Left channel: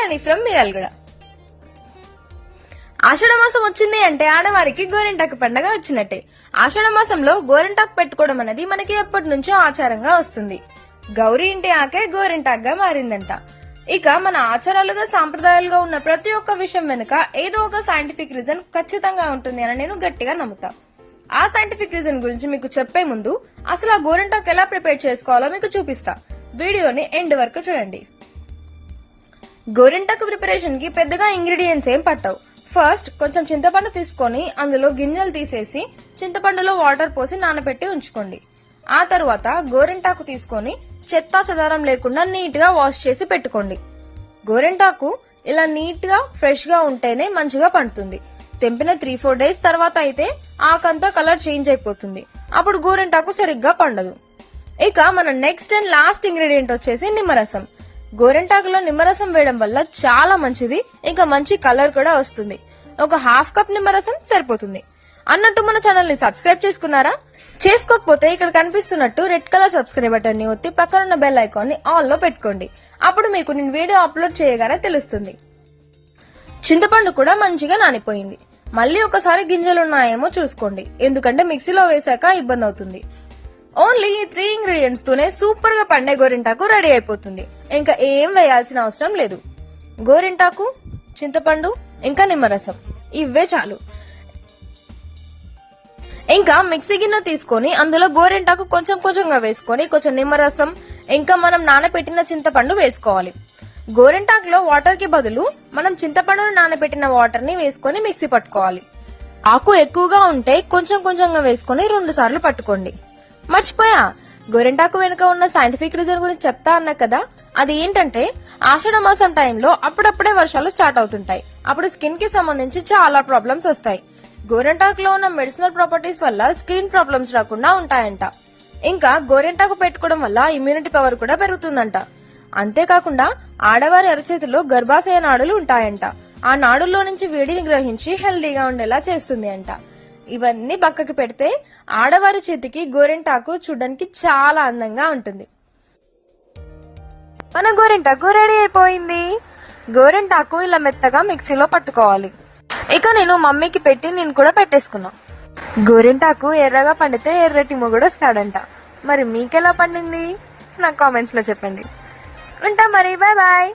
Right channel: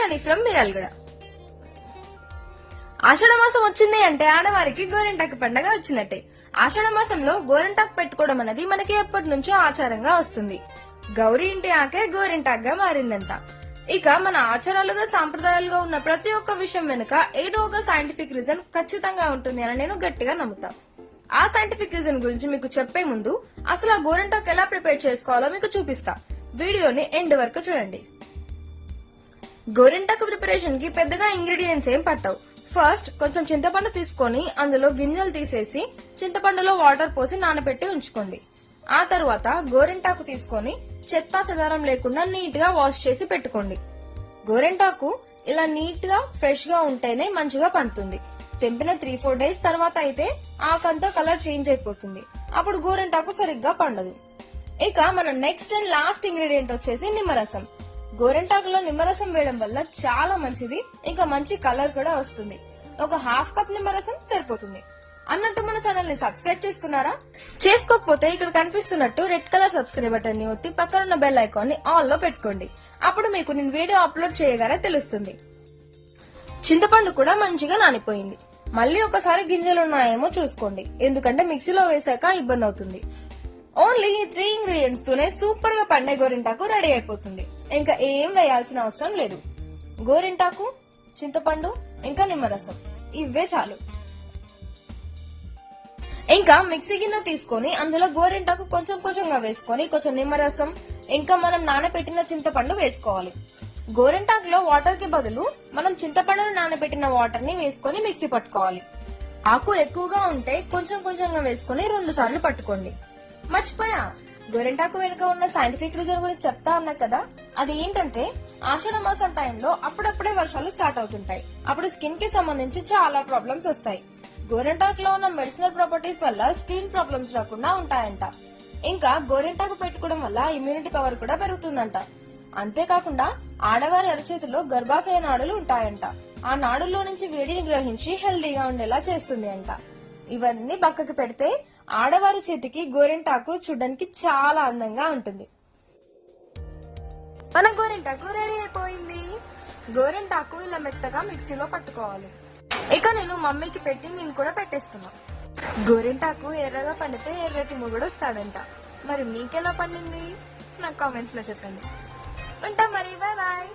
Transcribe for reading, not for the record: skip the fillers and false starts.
Kalyani from మియాల్గడ. ఆషాఢ మాసం వచ్చింది అంటే ఆడవారికి గోరింటాకు పండగ వచ్చినట్టే. ఆషాఢ మాసంలో గోరింటాకు పెట్టుకోవడం అనేది మనకి ఎప్పటి నుంచో ఆచారంగా వస్తుంది. గౌరీ ఇంటి ఆకే గోరింటాకుగా మారిందంట. ఇక మన ఆచారాలుగా సాంప్రదాయాలుగా ఉన్న ప్రతి ఒక్క విషయం వెనుక ఏదో ఒక సైంటిఫిక్ రీజన్ ఖచ్చితంగా ఉంటుంది అని నేను గట్టిగా నమ్ముతా. ఆ సైంటిఫిక్ రీజన్ గురించి మీకు చెప్పే ముందు అసలు ఆ గోరింటాకు ఎలా ప్రిపేర్ చేసుకోవాలో మీకు చూపిస్తా. వీడియోని ఎండ్ వరకు చూడండి. గోరింటాకు ప్రిపరేషన్ కి పెద్దగా ఇంగ్రీడియంట్స్ ఏం పట్టవు. ఫస్ట్ కొంచెం చింతపండు తీసుకొని అందులో గింజలు తీసేసి చింతపండులో వాటర్ పోసి నానబెట్టి ఉంచుకోండి. ఆ తర్వాత గోరింటాకు తీసుకొని చెత్త చెదారం లేకుండా నీట్ గా వాష్ చేసి పెట్టుకోండి. గోరింటాకు ఇలా నీట్ గా ఫ్రెష్ గా ఉంటేనే మంచిగా పండుతుంది. తెంపిన 3-4 డేస్ తర్వాత అయితే ఆకంతా కలర్ చేంజ్ అయిపోతుంది. అప్పుడు గోరింటాకు సరిగ్గా పండదు. ఇక మన నెక్స్ట్ అండ్ లాస్ట్ ఇంగ్రీడియంట్ వచ్చేసి నిమ్మరసం. గోరింటాకులో నిమ్మరసం వేయడం వల్ల చాలా మంచిది, ఇంకా మంచి కలర్ కూడా వస్తుంది. ఒక 1/2 కప్ నిమ్మరసం సరిపోతుంది. అన్నట్టు మన ఛానల్ ని సబ్స్క్రైబ్ చేసుకున్నారా? చేసుకోకపోతే ఇక్కడ కనిపిస్తున్నట్టు రెడ్ కలర్ సబ్స్క్రైబ్ బటన్ ని ఒత్తి పక్కన ఉన్న బెల్ ఐకాన్ ని ఆల్ లో పెట్టుకోండి. అప్పుడు మీకు నేను వీడియో అప్లోడ్ చేయగానే తెలుస్తుంది. చింతపండు కూడా మంచిగా నానిపోయింది. మళ్ళీ ఒకసారి గింజలు ఉన్నాయేమో చూసుకోండి, ఎందుకంటే మిక్సీలో వేసాక ఇబ్బంది అవుతుంది. ఓన్లీ ఈ 3 ఇంగ్రీడియంట్స్ తోనే సూపర్ గా పండే గోరింటాకు రెడీ అయిపోతుంది. ఇంకా ఏం వేయాల్సిన అవసరం లేదు. గోరింటాకు, చింతపండు, ఇంకా నిమ్మరసం ఇవే చాలు. ఇంకా మిక్సీ గిన్నె తీసుకొని అందులో గోరింటాకు కొంచెం కొంచెంగా వేసుకొని కొంచెం నిమ్మరసం ఇంకా మనం నానబెట్టిన చింతపండు వేసుకోవాలి. గోరింటాకులో వాటర్ కి బదులు మనం చింతపండును నానబెట్టిన వాటర్ ని వేసుకొని మిక్సీ పట్టుకోవాలి. ఆకు ఎక్కువగా ఉంటే కొంచెం కొంచెంగా వేసుకొని 2 సార్లు పట్టుకోండి. మర్చిపోయా, గోరింటాకు వెనుక ఉన్న సైంటిఫిక్ రీజన్ గురించి చెప్తా అన్నా కదా. అది ఏంటంటే ఆషాఢ మాసం టైంలో అప్పుడప్పుడే వర్షాలు స్టార్ట్ అవుతుంటాయి. అప్పుడు స్కిన్ కి సంబంధించి చాలా ప్రాబ్లమ్స్ వస్తాయి. గోరింటాకులో ఉన్న మెడిసినల్ ప్రాపర్టీస్ వల్ల స్కిన్ ప్రాబ్లమ్స్ రాకుండా ఉంటాయంట. ఇంకా గోరింటాకు పెట్టుకోవడం వల్ల ఇమ్యూనిటీ పవర్ కూడా పెరుగుతుందంట. అంతేకాకుండా ఆడవారి అరచేతిలో గర్భాశయ నాడులు ఉంటాయంట. ఆ నాడుల్లో నుంచి వేడిని గ్రహించి హెల్దీగా ఉండేలా చేస్తుంది అంట. ఇవన్నీ పక్కకి పెడితే ఆడవారి చేతికి గోరింటాకు చూడడానికి చాలా అందంగా ఉంటుంది. మన గోరింటాకు రెడీ అయిపోయింది. గోరింటాకు ఇలా మెత్తగా మిక్సీలో పట్టుకోవాలి. ఇక నేను మమ్మీకి పెట్టి నేను కూడా పెట్టేసుకున్నా. గోరింటాకు ఎర్రగా పండితే ఎర్రటి మొగుడు వస్తాడంట. మరి మీకెలా పండింది నాకు కామెంట్స్ లో చెప్పండి. ఉంటా మరి, బాయ్ బాయ్.